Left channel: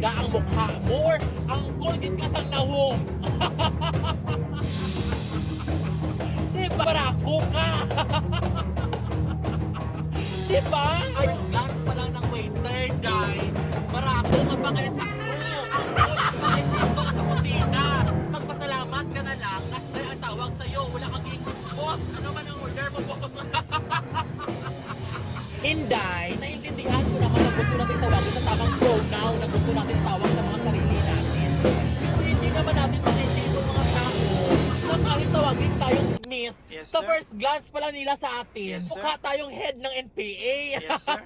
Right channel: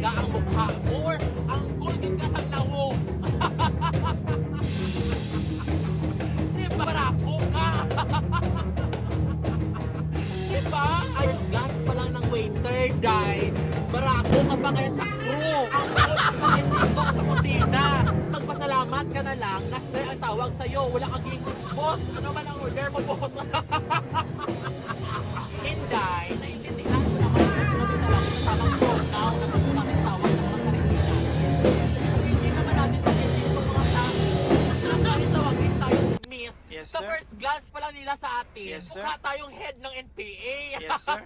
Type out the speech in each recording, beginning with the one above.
talaga ang mukha mo or ang kulgit ka sa nawong. Diba? Barako ka. Diba? First glance pa lang ng waiter, die. Barako ka pa kaya sa crew. Bakit siko sa kutina? Magpasalamat ka na lang na sir ang tawag sa'yo. Wala kang boss. Ano man ang order mo, boss? Inday, naiintindihan ko naman kung sino may tawag sa tamang pronoun na gusto namin tawag sa mga sarili natin. Hindi naman natin sarili kung mga tao. Kung namin tawagin tayo, miss, Yes, sa sir. first glance pa lang nila sa atin, Yes, sir. mukha tayong head ng NPA. Yes, sir.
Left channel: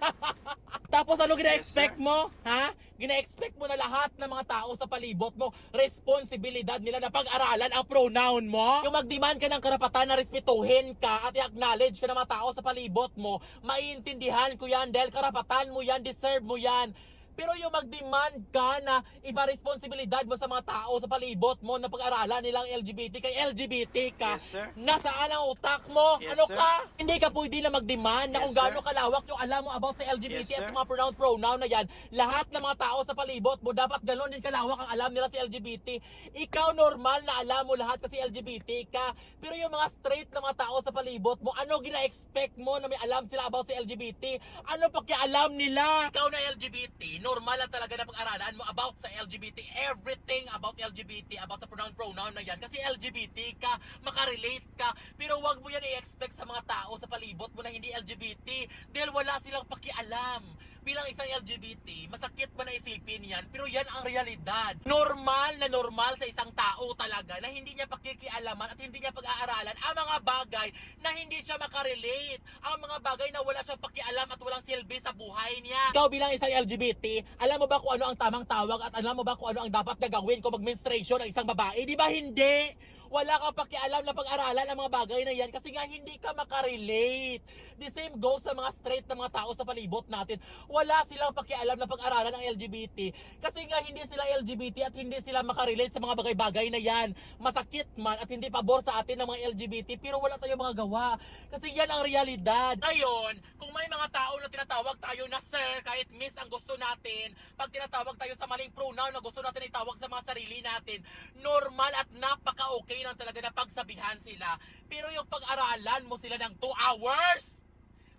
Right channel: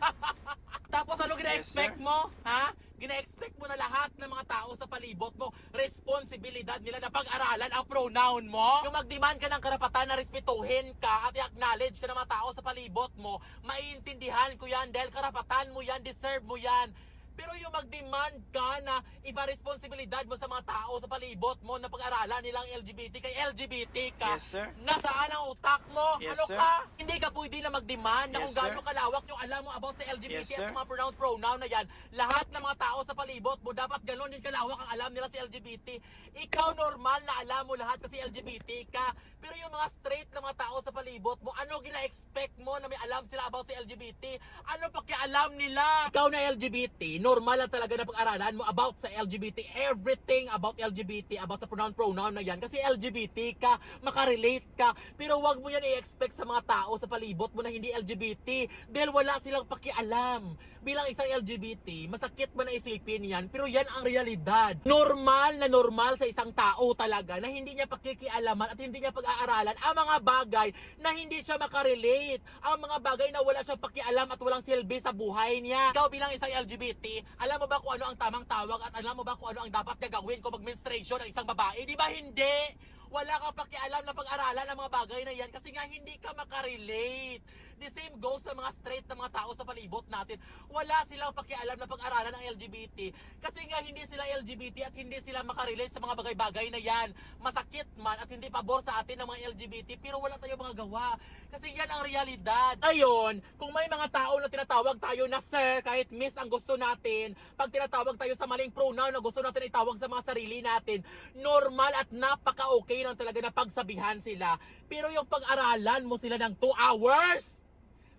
Tapos ano gina-expect Yes, sir. mo? Ha? Gina-expect mo na lahat ng mga tao sa palibot mo, responsibilidad nila na pag-aralan ang pronoun mo? Yung mag-demand ka ng karapatan na respetuhin ka at i-acknowledge ka ng mga tao sa palibot mo, maiintindihan ko yan dahil karapatan mo yan, deserve mo yan. Pero yung mag-demand ka na iba responsibilidad mo sa mga tao sa palibot mo na pag-aralan nilang LGBT kay LGBT ka. Yes, sir. Nasaan ang utak mo? Yes, Ano sir. ka? Hindi ka pwede na mag-demand na Yes, kung gaano sir. kalawak yung alam mo about sa LGBT Yes, at sir. sa mga pronoun na yan. Lahat ng mga tao sa palibot mo, dapat gano'n din kalawak ang alam nila sa LGBT. Ikaw normal na alam mo lahat kasi LGBT ka. Pero yung mga straight na mga tao sa palibot mo, ano gina-expect mo na may alam sila about sa LGBT? Ano pakialam nila? Ikaw na LGBT, normal lang talaga na pag-aralan mo about sa LGBT, everything about LGBT, about sa pronoun na yan. Kasi LGBT ka, makarelate ka. Pero wag mo yan i-expect sa mga tao sa palibot mo na hindi LGBT dahil wala silang pakialam. Bilang isang LGBT, masakit man na isipin yan, pero yan ang realidad. Normal na normal sa isang tao talaga na hindi niya pakikialaman at hindi niya pag-aaralan ang mga bagay na hindi siya makarelate. Ang mga bagay na wala siya pakialam at walang silbi sa buhay niya. Ikaw bilang isang LGBT, alam mo ba kung ano ang tamang tawag at alam mo ba kung ano ang dapat gagawin kung mag-menstruation ng isang babae? Di ba hindi? Wala kang pakialam na pag-aralan ang mga bagay na yan kasi nga hindi ka makarelate. The same goes sa mga straight na mga tao sa palibot natin. Wala silang pakialam na pag-aralan ng LGBT kasi nga hindi sila LGBT at hindi sila makarelate sa mga bagay-bagay na yan. Masakit man at hindi pabor sa atin ng mga LGBT pero wala tayong mga gawa kasi yan ang realidad. Ngayon, kung may mga tao na tinatawag tayo na sir kahit miss ang gusto natin, pag tinatawag tayo sa maling pronoun na gusto natin itawag sa mga sarili natin, normal at napaka-okay lang talaga na pagsabihan sila. Pero yung pag-aralan mo sila ng 2 hours,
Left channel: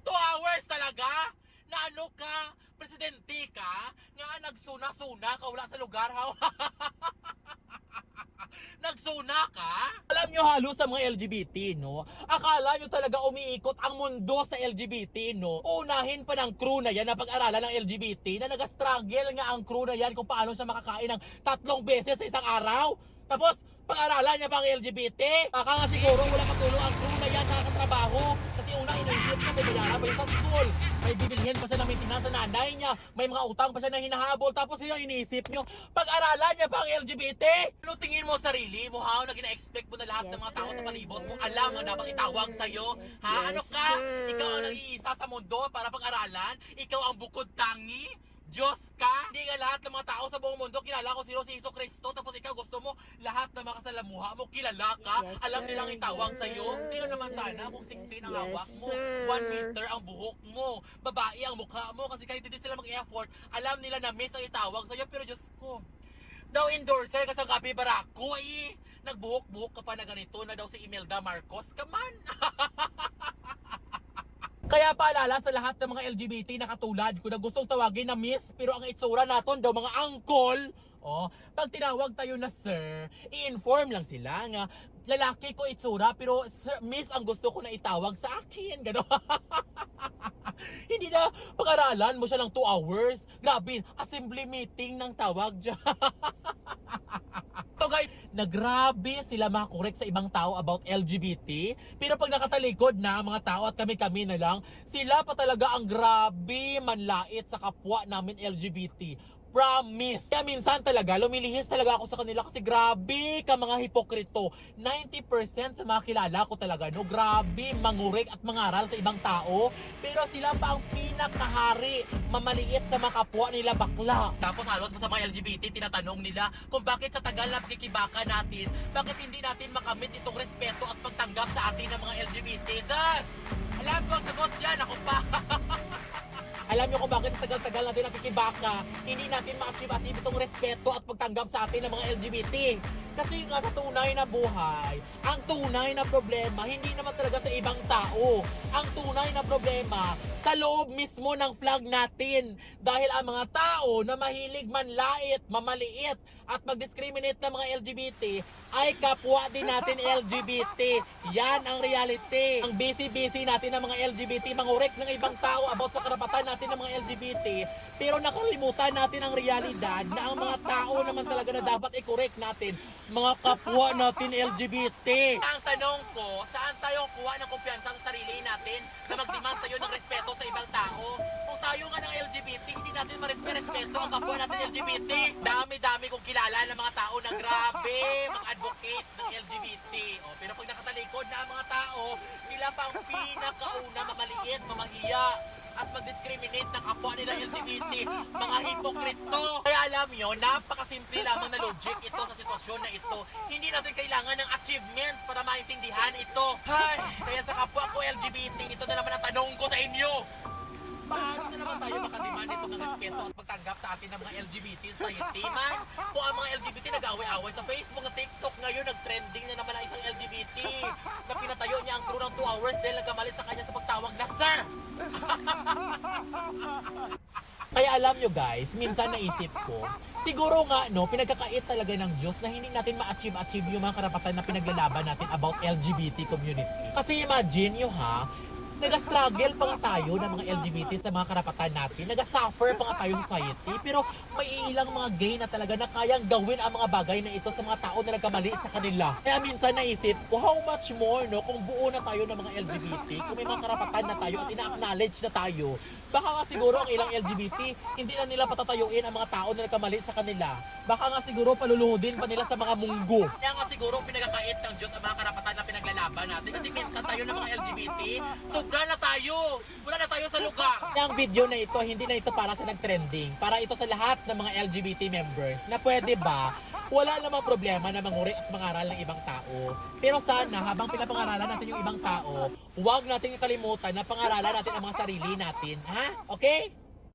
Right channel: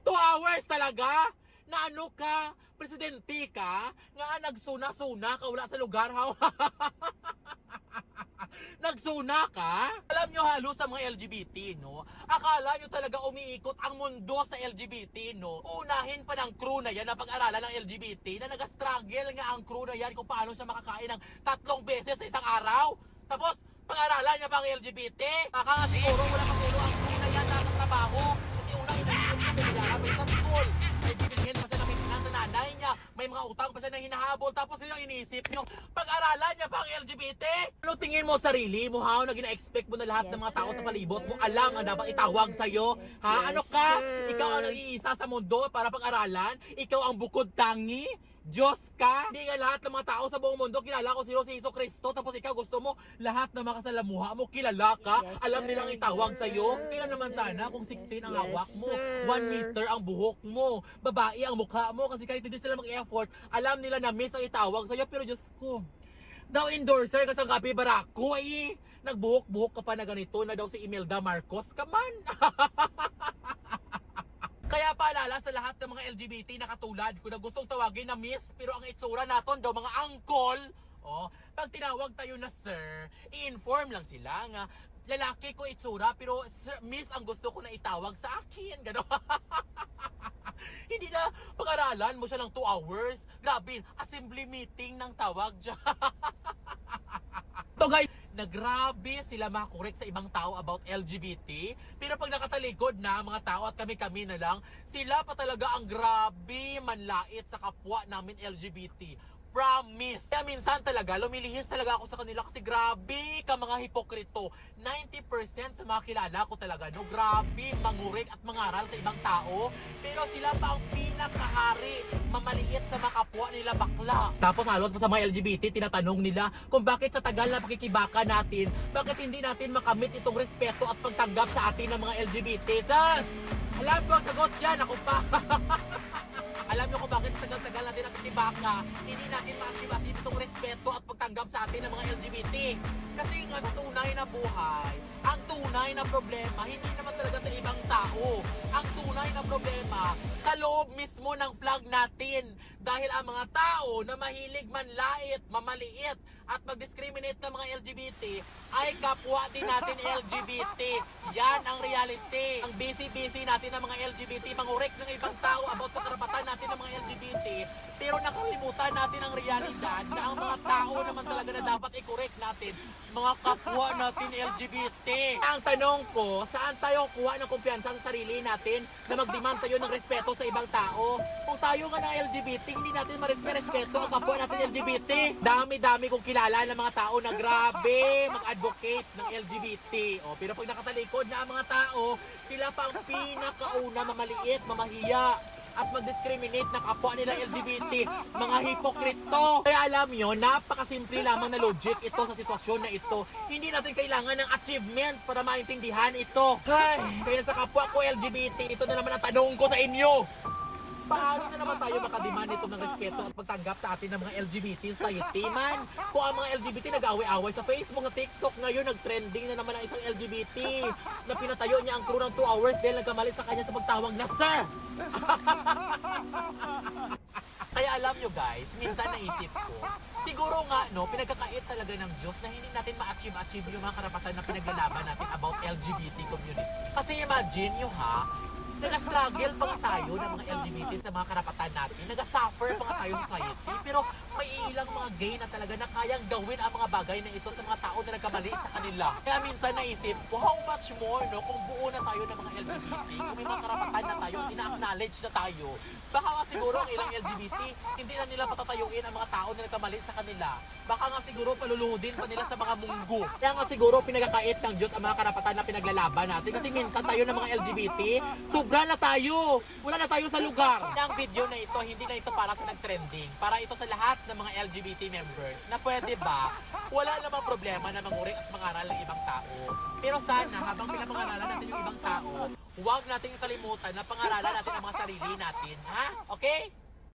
2 hours talaga? Na ano ka? Presidente ka? Nga nagsuna-suna ka wala sa lugar ha? Nagsuna ka? Alam nyo halos sa mga LGBT, no? Akala nyo talaga umiikot ang mundo sa LGBT, no? Unahin pa ng crew na yan na pag-aralan ng LGBT na nag-struggle nga ang crew na yan kung paano siya makakain ng 3 beses sa isang araw. Tapos, pag-aralan niya pa ang LGBT. Kaka nga siguro wala katulong ang crew na yan na trabaho. Kasi unang iniisip niya, may nilalabay sa school. May bibilhin pa siya ng maintenance sa nanay niya. May mga utang pa siya na hinahabol. Tapos yung iniisip niyo, pag-aralan niya pa ang LGBT. Ano tingin mo sarili mo, ha? Na gina-expect mo na lahat ng mga tao sa palibot mo. Alam ang dapat itawag sa'yo. Ha? Ano ka? Ikaw ang nag-iisa sa mundo para pag-aralan? Ikaw ang bukod tangi? Diyos ka? Hindi nga lahat ng mga tao sa buong mundo kilala ko si Jesucristo Kristo, tapos ikaw gusto mo lahat ng mga kasalamuha mo kilala ka? Yes, Alam sir. nilang itawag Yes, sa'yo? sir. Tingnan naman Yes, sana sir. kung 16 ang Yes, hawak mo, sir. 1 meter ang buhok mo, babae ang mukha mo, kasi kahit hindi sila mag-effort, alam nila na miss ang itawag sa'yo, pero Diyos ko, daw endorser ka sa Kapi Barako eh. Nagbuhok-buhok ka pa na ganito na daw si Imelda Marcos. Come on! Kaya paalala sa lahat ng mga LGBT na katulad ko na gustong tawagin na miss pero ang itsura naton daw mga uncle. Oh, pag tinawag tayo na sir, i-inform lang sila nga lalaki ko itsura pero sir, miss ang gusto ko na itawag sa akin. Gano'n. Hindi na pag-aralan mo siya ng 2 hours. Grabe, assembly meeting ng tawag dyan. So guys, na grabe sila makorek sa ibang tao about LGBT. Pero pag nakatalikod na mga tao at kami-kami na lang, sila pa talaga ang grabe manlait sa kapwa namin LGBT. Promise. Kaya minsan talaga, lumilihis talaga ako sa kanila kasi grabe ka mga hipokrito. 90% sa mga kilala ko talaga, no? Grabe, mangurek at mangaral sa ibang tao. Pero sila pa ang pinakahari mamaliit sa mga kapwa nila bakla. Tapos halos sa mga LGBT, tinatanong nila kung bakit sa tagal na pakikibaka natin, bakit hindi natin makamit itong respeto at pagtanggap sa atin ng mga LGBT. Sas! Alam ko ang sagot dyan, ako pa. Alam niyo kung bakit sa tagal-tagal natin nakikibaka, hindi natin ma-achieve itong respeto at pagtanggap sa atin ng mga LGBT. Kasi nga sa tunay na buhay, ang tunay na problema, hindi naman talaga sa ibang tao. Ang tunay na problema, sa loob mismo ng flag natin. Dahil ang mga tao na mahilig manlait, mamaliit, at mag-discriminate ng mga LGBT, ay kapwa din natin LGBT. Yan ang reality. Ang busy-busy natin ng mga LGBT, mangurek ng ibang tao about sa karapatan natin ng mga LGBT, pero nakalimutan natin ang realidad na ang mga tao naman talaga na dapat i-correct natin, mga kapwa natin LGBT. Ang tanong ko, saan tayo kuha ng kumpiyansa sa sarili natin na mag-demand tayo ng respeto sa ibang tao? Kung tayo nga ng LGBT, hindi natin respeto ang kapwa natin LGBT. Dami-dami kong kilala ng mga tao na grabe mag-advocate ng LGBT. O, pero pag nakatalikod na ang mga tao, sila pa ang pinakauna mamaliit, mamahiya at mag-discriminate ng kapwa nila LGBT, mga hipokrito. Kaya alam nyo, napakasimple lamang na logic ito sa sitwasyon na ito. Hindi natin kailangan ng achievement para maintindihan ito. Hay, kaya sa kapwa ko LGBT, ito na naman ang tanong ko sa inyo. Paano na naman tayo makademand ito ng respeto at pagtanggap sa atin ng mga LGBT society man? Kung ang mga LGBT nag-away-away sa Facebook na TikTok ngayon, nag-trending na naman ang isang LGBT na pinatayo niya ang crew ng 2 hours dahil nagkamali sa kanya sa pagtawag na Sir! Kaya alam nyo guys, minsan naisip ko, siguro nga no, pinagkakait talaga ng Diyos na hindi natin ma-achieve yung mga karapatan na pinaglalaban natin about LGBT community. Kasi imagine nyo ha, nag-struggle pa nga tayo ng mga LGBT sa mga karapatan natin. Nag-suffer pa nga tayo sa society. Pero may ilang mga gay na talaga na kayang gawin ang mga bagay na ito sa mga tao na nagkamali sa kanila. Kaya minsan naisip ko, how much more no, kung buo na tayo ng mga LGBT, kung may mga karapatan na tayo at ina-acknowledge na tayo, baka nga siguro ang ilang LGBT, hindi na nila patatayuin ang mga tao na nagkamali sa kanila. Baka nga siguro paluluhodin pa nila sa mga munggo. Kaya nga siguro pinagkakait ng Diyos ang mga karapatan na pinaglalaban natin. Kasi minsan tayo ng mga LGBT, sobra na tayo. Wala na tayo sa lugar. Kaya ang video na ito, hindi na ito para sa nag-trending. Para ito sa lahat ng mga LGBT members na pwede ba, wala namang problema na manguri at mangaral ng ibang tao. Pero sana, habang pinapangaralan natin yung ibang tao, huwag natin kalimutan na pangaralan natin ang mga sarili natin. Ha? Okay?